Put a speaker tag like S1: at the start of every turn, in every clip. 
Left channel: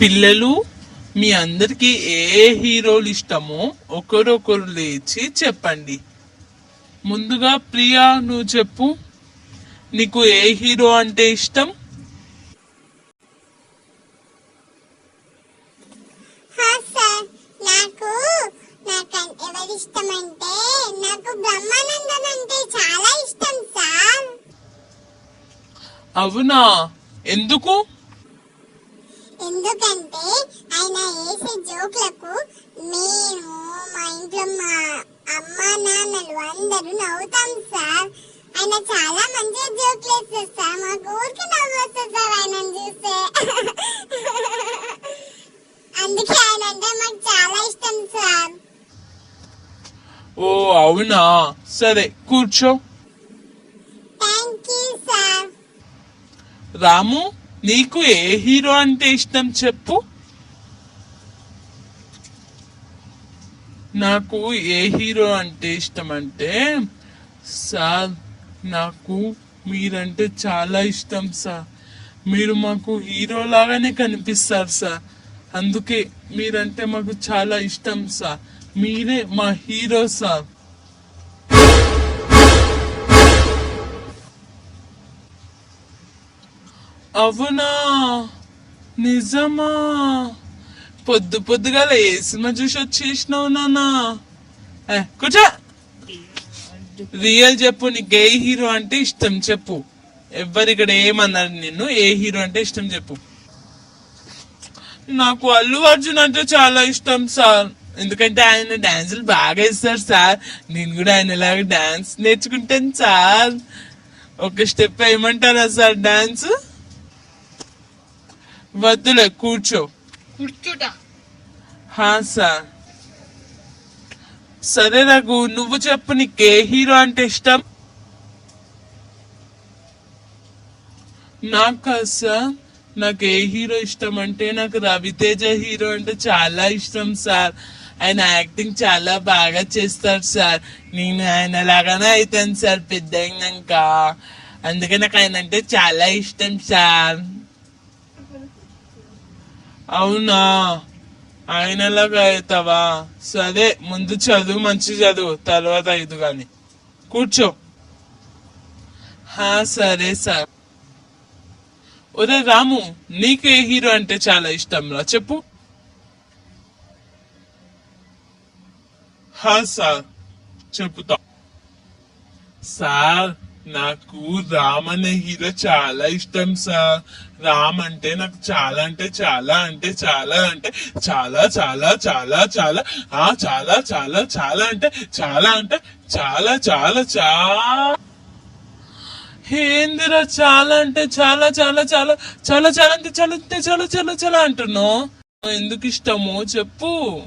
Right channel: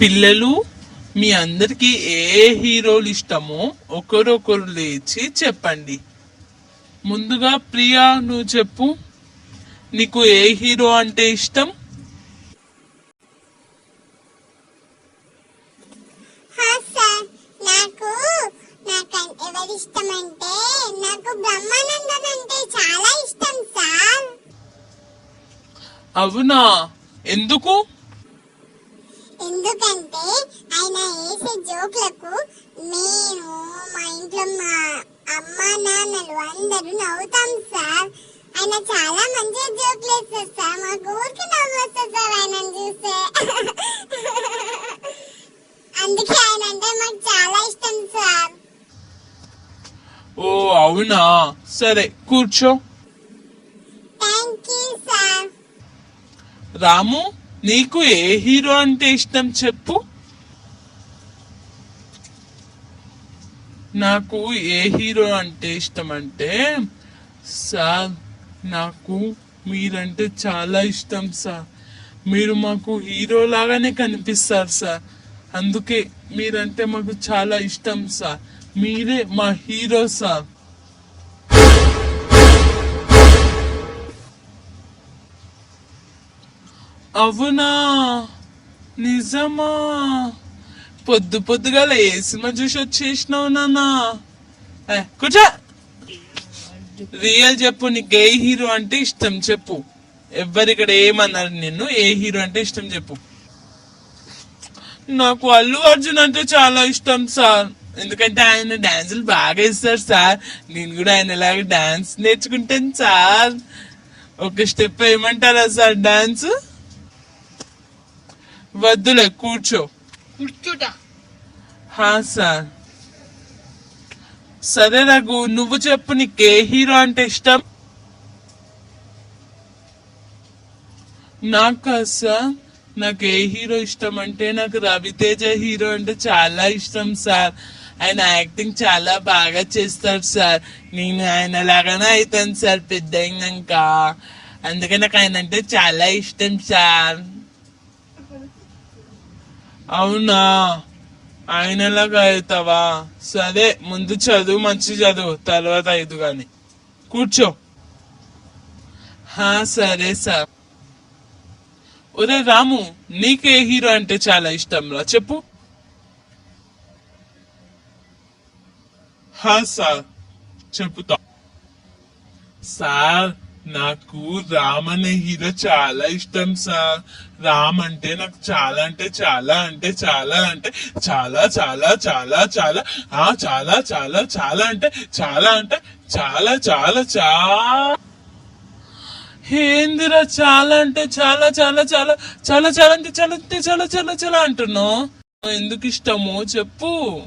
S1: పిల్లలు మీ అందరికి ఏ హీరోలు ఇష్టమో ఒకరొకరు లేచి చెప్పండి. ముందుగా ప్రియా నువ్వు చెప్పు. నీకు ఏ హీరో అంటే ఇష్టం?
S2: నాకు నాకు ఎవరి ఇష్టం అంటే నాకు బ్రహ్మానందన్ అంటే చాలా ఇష్టం సార్.
S1: అవునా? ఎందుకు
S2: ఎందుకంటే ఆయన వేసే జోక్లకు నేను మా ఇంట్లో మా అమ్మ నాన్నలు అందరూ నవ్వుతాం సార్ ఆయన చాలా మంచిగా జోకులు వేస్తారు సార్ మా ఊరికి నవ్వు వస్తుంది సార్ ఆయన చూస్తే. అందుకే ఆయన అంటే మాకు చాలా ఇష్టం సార్.
S1: ఓ అవునా? సరే కూర్చో.
S2: థ్యాంక్ యూ సార్
S1: రాము నీకు ఏ హీరో అంటే ఇష్టం చెప్పు. నాకు ఏ హీరో అంటే ఇష్టం అంటే సార్ నాకు మీరంటే చాలా ఇష్టం సార్. మీరు మాకు హీరో లాగానే కనిపిస్తారు సార్. అందుకే మీరంటే మాకు చాలా ఇష్టం సార్. మీరే మా హీరో సార్. అవునా? నిజమా? పొద్దు పొద్దుగాల ఏ సినిమా చూసి వచ్చేసినావు నానా కూర్చో! రియల్ చెప్పు నీకు ఏ హీరో అంటే ఇష్టం చెప్పు. ఎవ్వరు ఇక్కడ ఏమన్నారు నిన్ను? ఏ హీరో అంటే ఇష్టం చెప్పు. నాకు అల్లు అర్జున్ అంటే చాలా ఇష్టం సార్. ఎందుకంటే ఆయన డాన్సులు బాగా వేస్తారు సార్. నేను కూడా ఆయన లాగా డాన్స్ నేర్చుకుంటాను సార్. ఒక స్టెప్ ఏమంటారా సార్ డాన్స్? వద్దులే కూర్చో.
S3: కూర్చుట?
S1: హా సార్. సరే రఘు నువ్వు చెప్పు నీకు ఏ హీరో అంటే ఇష్టం? నాకు సార్ నాకు ఏ హీరో ఇష్టం అంటే నాకు రవితేజ హీరో అంటే చాలా ఇష్టం సార్. ఆయన యాక్టింగ్ చాలా బాగా చేస్తారు సార్. నేను ఆయన లాగానే అవుతాను సార్ పెద్ద అయినాక. అందుకే నాకు ఆయన అంటే చాలా ఇష్టం సార్. అవునా? ఆయనలాగా అవుతావా సరే ముందు చదువు మంచి చదువు తర్వాత ఇది కానీ కూర్చో. హా సరే సార్. ఒరే రాము నీకే హీరో అంటే చాలా ఇష్టం రా చెప్పు. హా సార్. చెప్పుతా. సార్ నాకు రామ్ అనే హీరో చాలా ఇష్టం సార్. రామ్ అంటే నాకు చాలా అంటే చాలా అంటే చాలా అంటే చాలా చాలా చాలా చాలా ఆ చాలా చాలా చాలా అంటే చాలా అంటే చాలా చాలా చాలా ఏందిరా చాలా అంటే చాలా చాలా చాలా చాలా చాలా అంటే చాలా అంటే చాలా చాలా చాలా అంటున్నావు. ఎందుకు ఇష్టమో చెప్పు.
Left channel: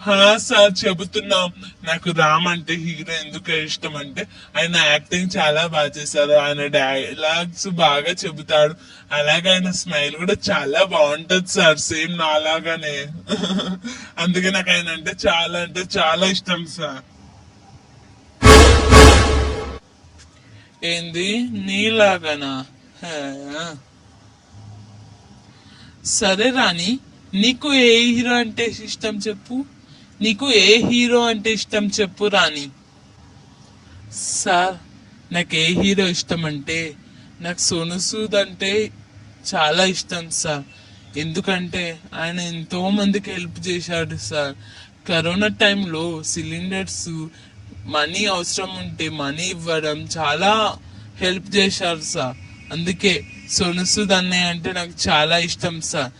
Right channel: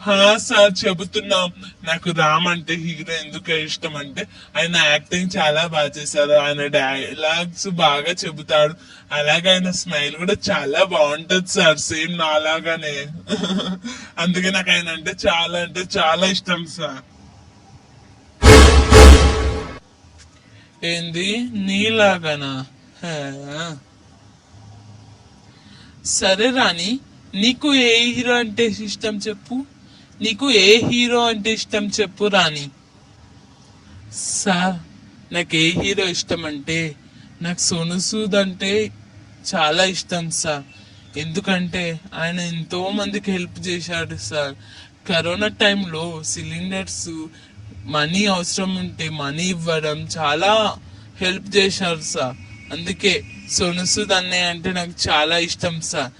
S1: హా సార్ చెబుతున్నాం. నాకు రామ్ అంటే హీరో ఎందుకు ఇష్టం అంటే ఆయన యాక్టింగ్ చాలా బాగా చేశారు. ఆయన డైలాగ్స్ బాగా చెబుతాడు. అలాగే ఆయన స్మైల్ కూడా చాలా బాగుంటది సార్. సేమ్ నాలాగానే. అందుకే నాకు ఆయన అంటే చాలా అంటే చాలా ఇష్టం సార్. ఏంది? నీలాగనా? సరే రాణి నీకు ఏ హీరో అంటే ఇష్టం చెప్పు. నీకు ఏ హీరో అంటే ఇష్టం చెప్పు రాణి. సార్ నాకు ఏ హీరో ఇష్టం అంటే నాకు సోను సూద్ అంటే చాలా ఇష్టం సార్. ఎందుకంటే ఆయన ఎంతో మందికి హెల్ప్ చేశాడు సార్. కరోనా టైంలో సిలిండర్స్ మనీ అవసరం ఉంటే మనీ ఇవ్వడం చాలా హెల్ప్ చేశారు సార్. అందుకే సోను సూద్ అన్నయ్య అంటే నాకు చాలా ఇష్టం sir.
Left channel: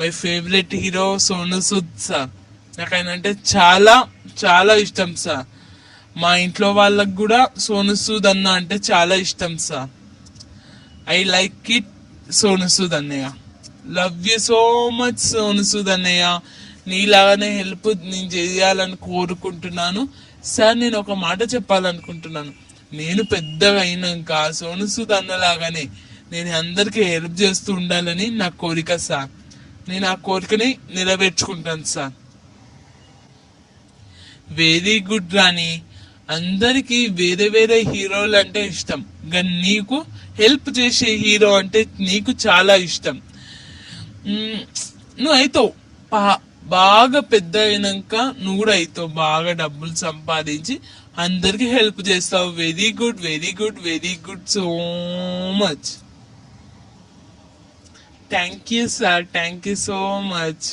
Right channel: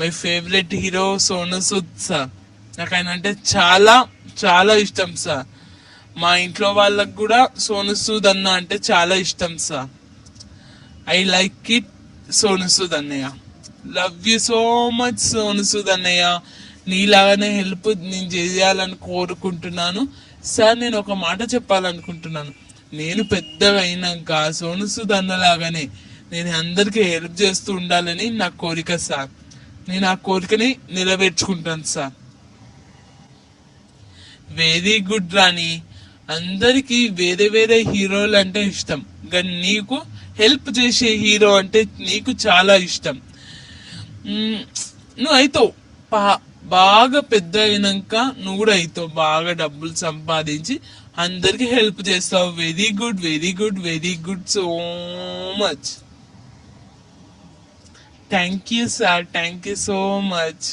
S1: My favourite hero Sonu Sood sir. నాకు ఆయన అంటే చాలా చాలా ఇష్టం సార్. మా ఇంట్లో వాళ్ళకు కూడా సోను సూద్ అన్న అంటే చాలా ఇష్టం sir. I like it Sonu Sood అన్నయ్య. Love you so much Sonu Sood అన్నయ్య. నీలాగానే హెల్ప్ నేను చేయాలని కోరుకుంటున్నాను. సార్ నేను ఒక మాట చెప్పాలనుకుంటున్నాను. నేను పెద్దగా అయినాక సోను సూద్ అన్నలాగానే నేను అందరికీ హెల్ప్ చేస్తూ ఉండాలని నా కోరిక సార్. నేను ఆ కోరికని నెరవేర్చుకుంటాను సార్. వెరీ గుడ్ రాణి అందరికి వేరే వేరే హీరోలు అంటే ఇష్టం. కానీ నీకు హెల్ప్ చేసే హీరో అంటే నీకు చాలా ఇష్టం. నువ్వు అవుతావు బాగా పెద్ద అయినాక నువ్వు కూడా అవుతావు బాగా డబ్బులు సంపాదించి అందరికి హెల్ప్ చేస్తావు. Very good very good very good so much. Thank you sir. Thank you so much.